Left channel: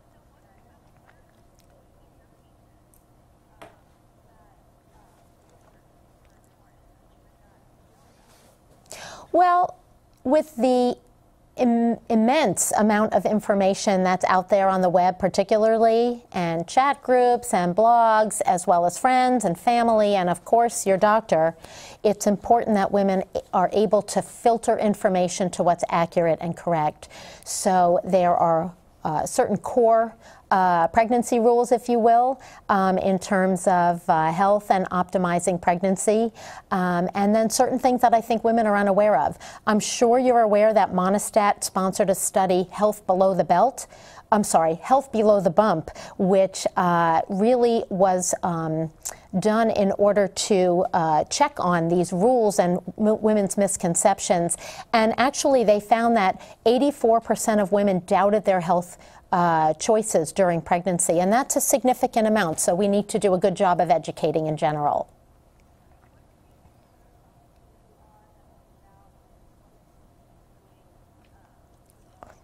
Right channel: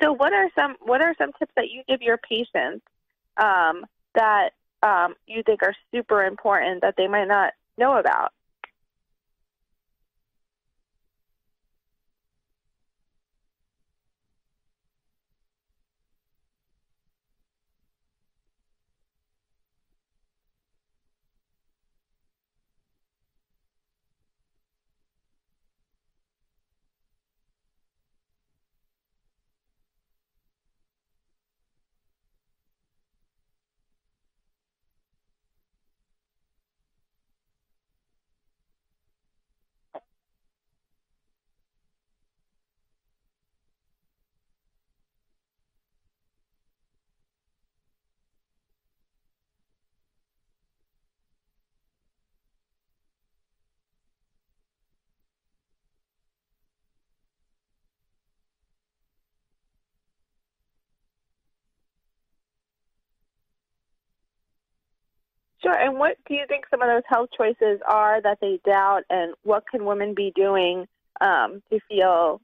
So what are some tips that you give your patients that you think are super important that they might not know about? Well, with the immense amount of information that's out there on the web particularly, and chat groups and blogs, as well as friends and family and of course your doctor, it's important that women are able to filter information to what's accurate and correct. So there are certain core pregnancy rules, if you will, in terms of health and optimizing pregnancy, and then certain things that I think women are unaware of. I'm sure you're aware that Monistat sponsored a study, Health Below the Bump, which really was done in order to check on these rules and women's misconceptions. And actually they found that 84% of women doubted their health choices during pregnancy, and that's a significant amount, so we need to do a good job of educating in general. Sure, and what do you think some of those health choices are that they doubt, and what can women be doing to feel,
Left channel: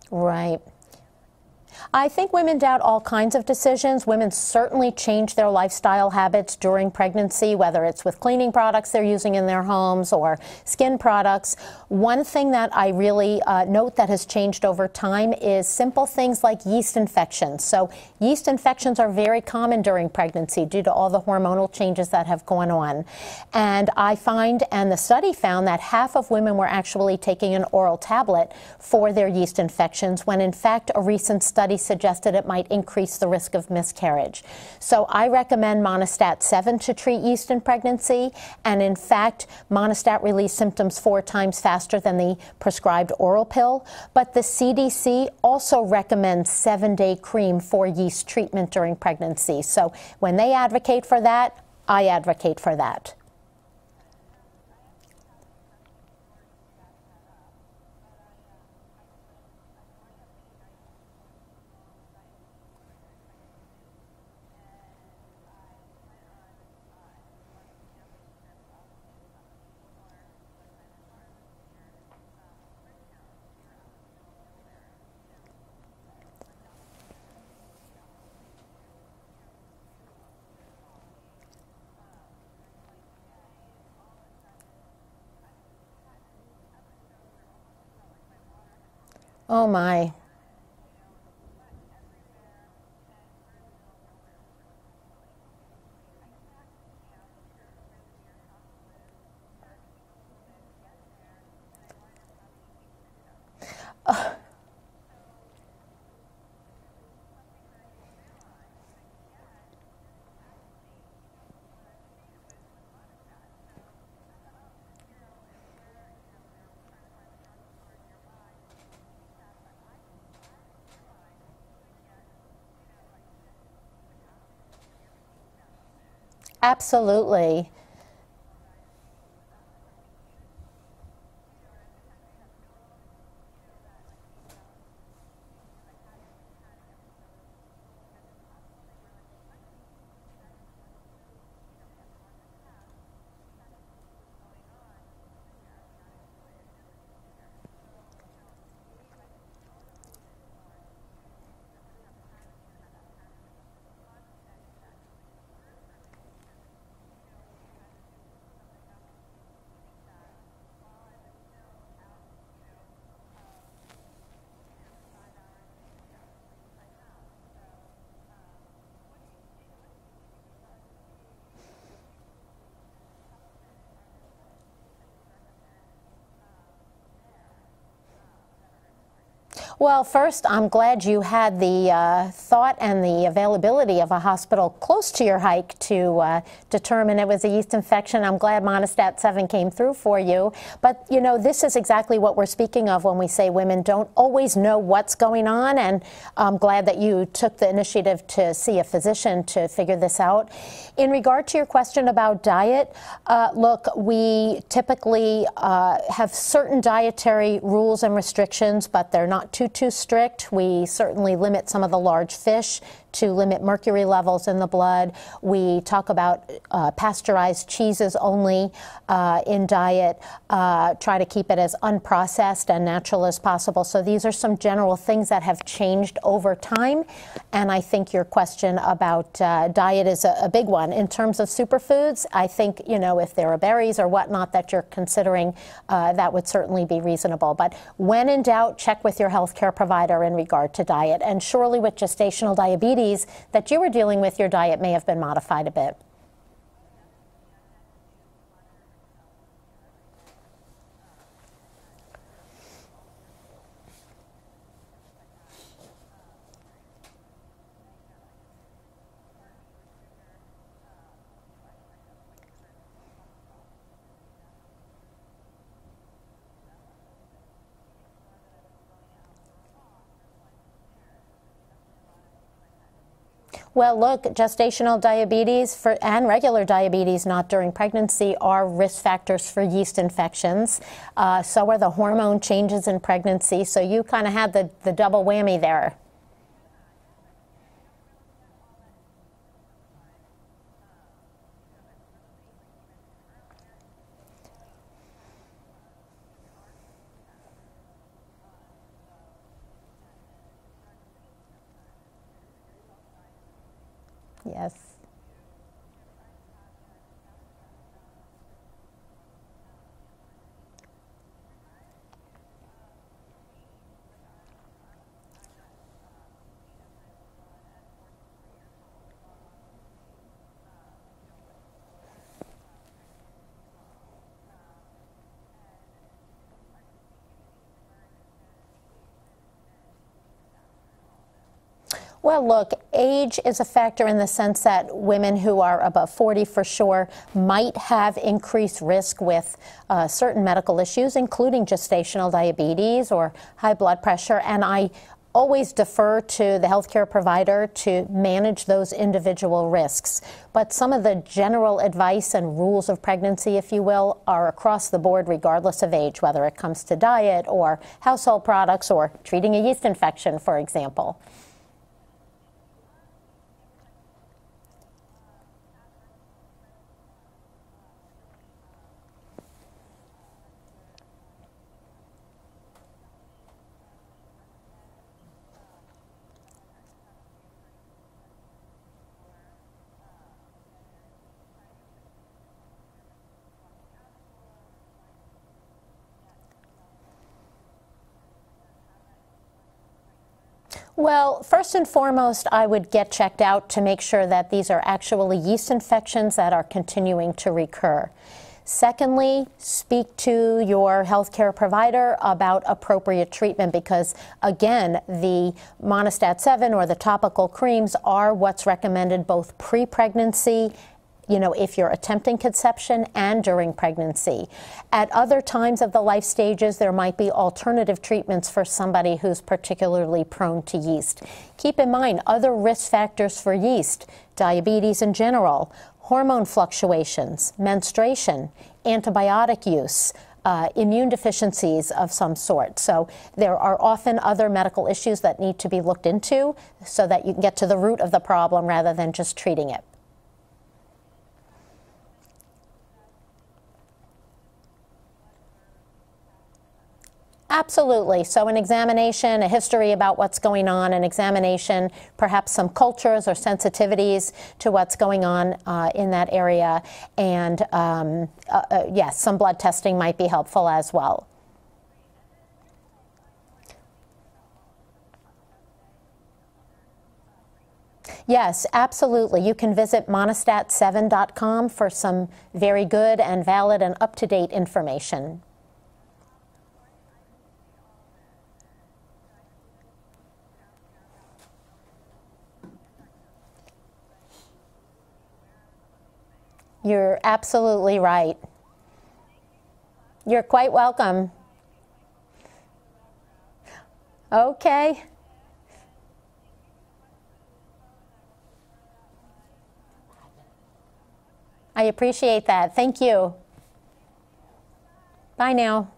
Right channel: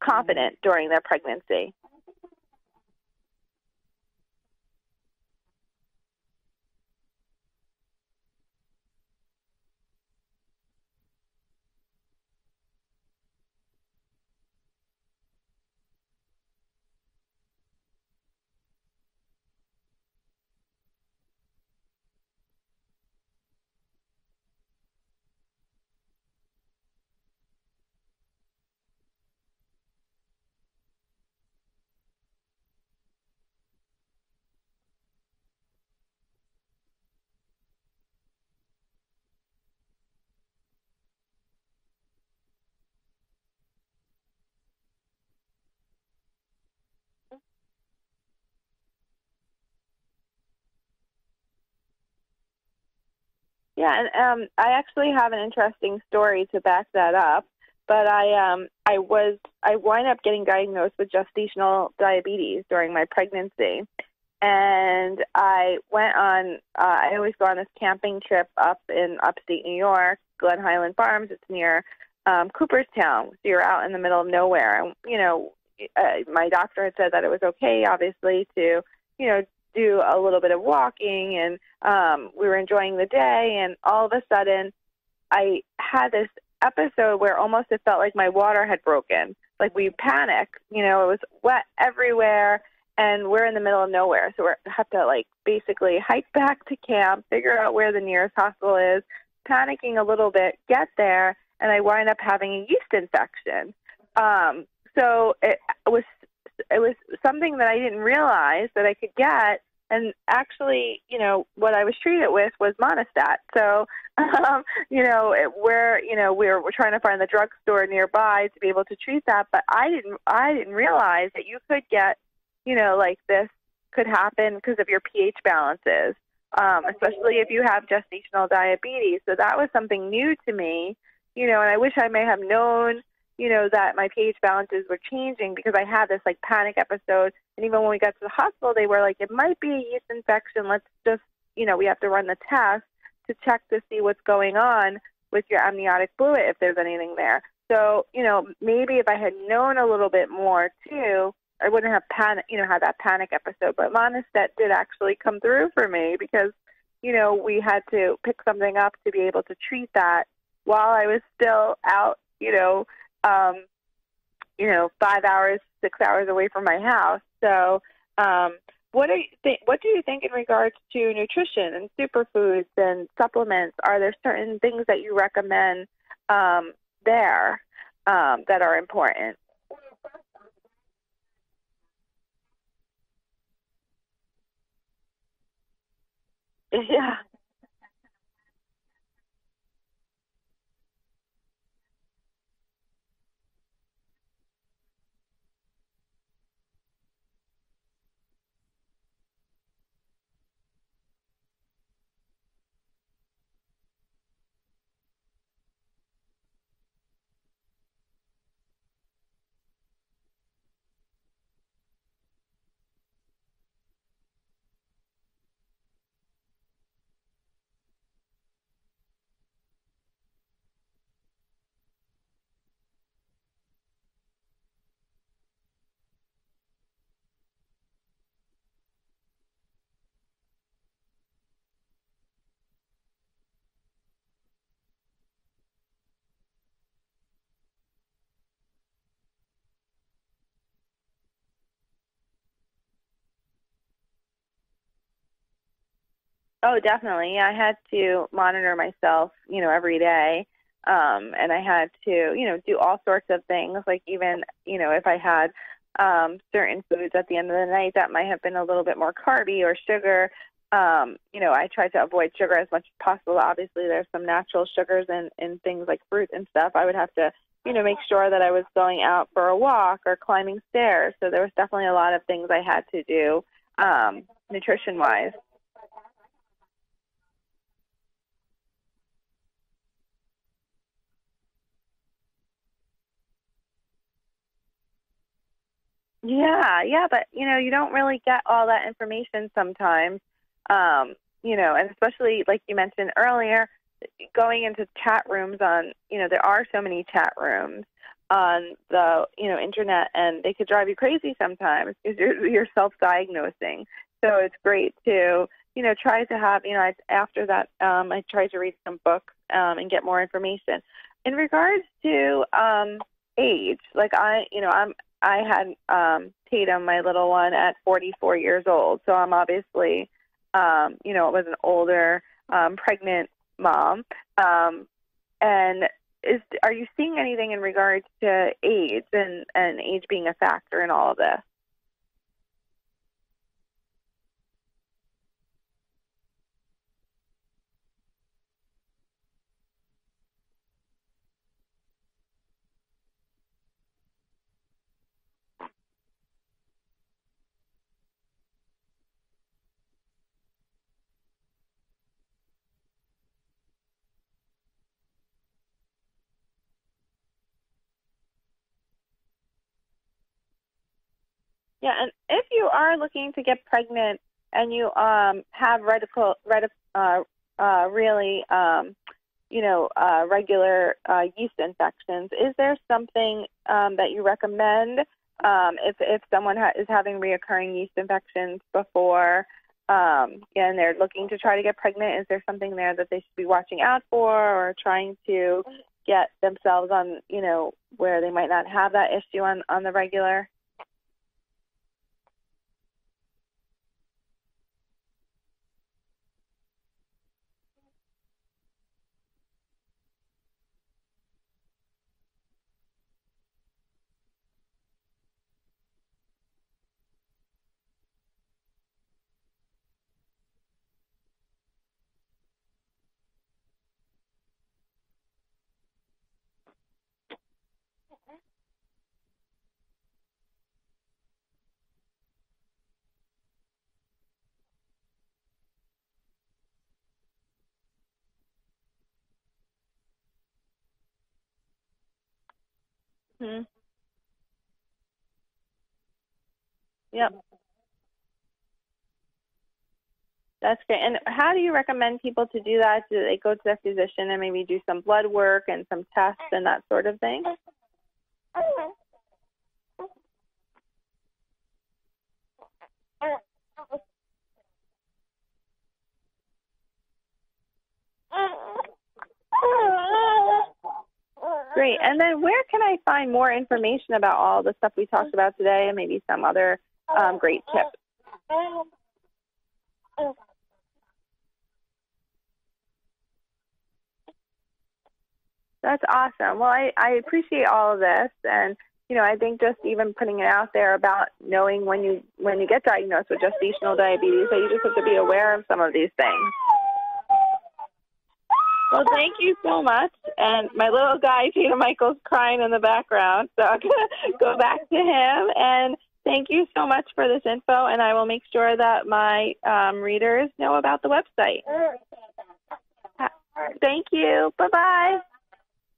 confident during their pregnancy? I think women doubt all kinds of decisions. Women certainly change their lifestyle habits during pregnancy, whether it's with cleaning products they're using in their homes or skin products. One thing that I really note that has changed over time is simple things like yeast infections. So yeast infections are very common during pregnancy due to all the hormonal changes that have gone on. And I find, and the study found, that half of women were actually taking an oral tablet for their yeast infections, when in fact a recent study suggested it might increase the risk of miscarriage. So I recommend Monistat 7 to treat yeast in pregnancy, and in fact Monistat relieves symptoms 4 times faster than the prescribed oral pill. But the CDC also recommends 7-day cream for yeast treatment during pregnancy. So when they advocate for that, I advocate for that. Yeah, and I actually have an interesting story to back that up. But I wind up getting diagnosed with gestational diabetes during my pregnancy, and I went on. I always go on this camping trip up in upstate New York, Glen Highland Farms. It's near Cooperstown. So you're out in the middle of nowhere. And, my doctor had said that it was okay, obviously, to do a little bit of walking, and we were enjoying the day. And all of a sudden, I had this episode where almost it felt like my water had broken. Oh, like my. We panicked. It was wet everywhere, and we're in the middle of nowhere. So we have to basically hike back to camp, figure out where the nearest hospital is, panicking a little bit, get there, and I wind up having a yeast infection. So it was something that I didn't realize that I could get. And actually, what I was treated with was Monistat. So, we're trying to find the drugstore nearby to be able to treat that. But I didn't realize that you could get, this could happen because of your pH balances. Absolutely. Especially if you have gestational diabetes. So that was something new to me, and I wish I may have known, that my pH balances were changing, because I had this panic episode. And even when we got to the hospital, they were like, it might be a yeast infection. Let's just, we have to run the test to check to see what's going on with your amniotic fluid, if there's anything there. So, maybe if I had known a little bit more too, I wouldn't have had that panic episode. But Monistat did actually come through for me, because, we had to pick something up to be able to treat that while I was still out, 5 hours, 6 hours away from my house. So what do you think in regards to nutrition and superfoods and supplements? Are there certain things that you recommend there that are important? Well, first, I'm glad you had the thought and the availability of a hospital close to your hike to determine it was a yeast infection. I'm glad Monistat 7 came through for you. But, this is exactly what we're speaking of when we say women don't always know what's going on, and I'm glad that you took the initiative to see a physician to figure this out. In regard to your question about diet, look, we typically have certain dietary rules and restrictions, but they're not too strict. We certainly limit some of the large fish to limit mercury levels in the blood. We talk about pasteurized cheeses only in diet, try to keep it as unprocessed and natural as possible. So these are some general things that have changed over time, and I think your question about diet is a big one. In terms of superfoods, I think, you know, if there are berries or whatnot that you're considering, that would certainly be reasonable. But when in doubt, check with your healthcare provider in regard to diet. And surely with gestational diabetes that you were dealing with, your diet may have been modified a bit. Oh, definitely. Yeah, I had to monitor myself, you know, every day. And I had to, you know, do all sorts of things, like even, you know, if I had certain foods at the end of the night that might have been a little bit more carby or sugar, you know, I tried to avoid sugar as much as possible. Obviously, there's some natural sugars in things like fruit and stuff. I would have to, you know, make sure that I was going out for a walk or climbing stairs. So there was definitely a lot of things I had to do. Well, look, gestational diabetes and regular diabetes not during pregnancy are risk factors for yeast infections. So are the hormone changes in pregnancy. So you kind of had the double whammy there. Yeah, but, you know, you don't really get all that information sometimes, you know, and especially like you mentioned earlier, going into chat rooms on, you know, there are so many chat rooms on the, you know, internet, and they could drive you crazy sometimes because you're self-diagnosing. So it's great to, you know, try to have, you know, after that, I tried to read some books and get more information. In regards to age, like I had Tatum, my little one, at 44 years old. So I'm obviously, you know, it was an older pregnant mom, and are you seeing anything in regards to age and age being a factor in all of this? Well, look, age is a factor in the sense that women who are above 40 for sure might have increased risk with certain medical issues, including gestational diabetes or high blood pressure, and I always defer to the healthcare provider to manage those individual risks. But some of the general advice and rules of pregnancy, if you will, are across the board regardless of age, whether it comes to diet or household products or treating a yeast infection, for example. Yeah, and if you are looking to get pregnant and you have regular yeast infections, is there something that you recommend if someone is having reoccurring yeast infections before and they're looking to try to get pregnant? Is there something there that they should be watching out for or trying to get themselves on, you know, where they might not have that issue on the regular? Well, first and foremost, I would get checked out to make sure that these are actually yeast infections that are continuing to recur. Secondly, speak to your healthcare provider about appropriate treatment because, again, the Monistat 7 or the topical creams are what's recommended both pre-pregnancy, you know, if you're attempting conception, and during pregnancy. At other times of the life stages, there might be alternative treatments for somebody who's particularly prone to yeast. Keep in mind other risk factors for yeast, diabetes in general, hormone fluctuations, menstruation, antibiotic use, immune deficiencies of some sort. So there are often other medical issues that need to be looked into so that you can get to the root of the problem rather than just treating it. That's great. And how do you recommend people to do that? Do they go to their physician and maybe do some blood work and some tests and that sort of thing? Absolutely. So an examination, a history about what's going on, an examination, perhaps some cultures or sensitivities to what's going on in that area. And yes, some blood testing might be helpful as well. Great. And then where can I find more information about all the stuff we talked about today and maybe some other great tips? Yes, absolutely. You can visit monistat7.com for some very good and valid and up-to-date information. That's awesome. Well, I appreciate all of this, and you know, I think just even putting it out there about knowing when you get diagnosed with gestational diabetes, that you just have to be aware of some of these things. You're absolutely right. Well, thank you so much. You're quite welcome. My little guy, Peter Michael's, crying in the background, so I'm going to go back to him. And thank you so much for this info, and I will make sure that my readers know about the website. I appreciate that. Thank you. Thank you. Bye-bye. Bye now.